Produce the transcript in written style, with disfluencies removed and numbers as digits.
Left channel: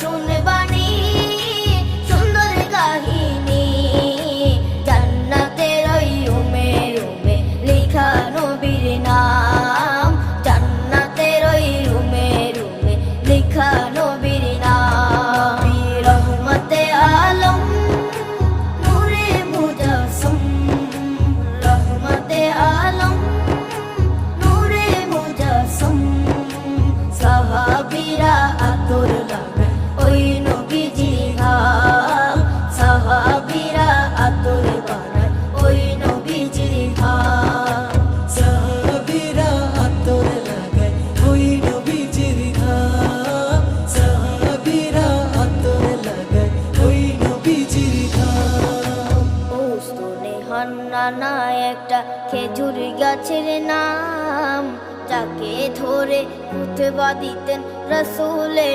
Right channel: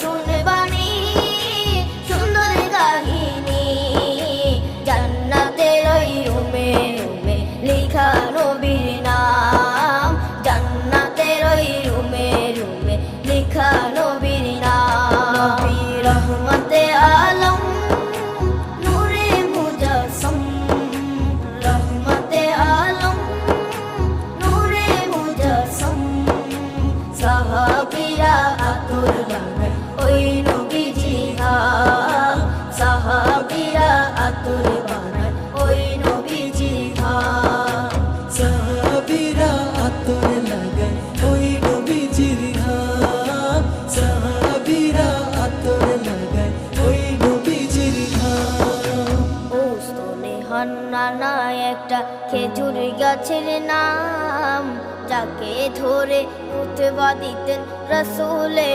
শুনবানি সুন্দর কাহিনী, জান্নাতের ওই রুমে রুমে লেখা নবীর নাম, জান্নাতের ওই রুমে রুমে লেখা নবীর নাম। নবী রহমতে আলম নূরে মুজাসসম, রহমতে আলম নূরে মুজাসসম। সাহাবীরা আতর বানায় ওই নবীজির ঘাম, সাহাবীরা আতর বানায় ওই নবীজির ঘাম। সাহাবীরা আতর লাগায় ওই নবীজির ঘাম, সাহাবীরা আতর লাগায় ওই নবীজির ঘাম। ও স্তনে হান্নানা একটা খেজুর গাছের নাম, যাকে ধরে খুতবা দিতেন রাসূলে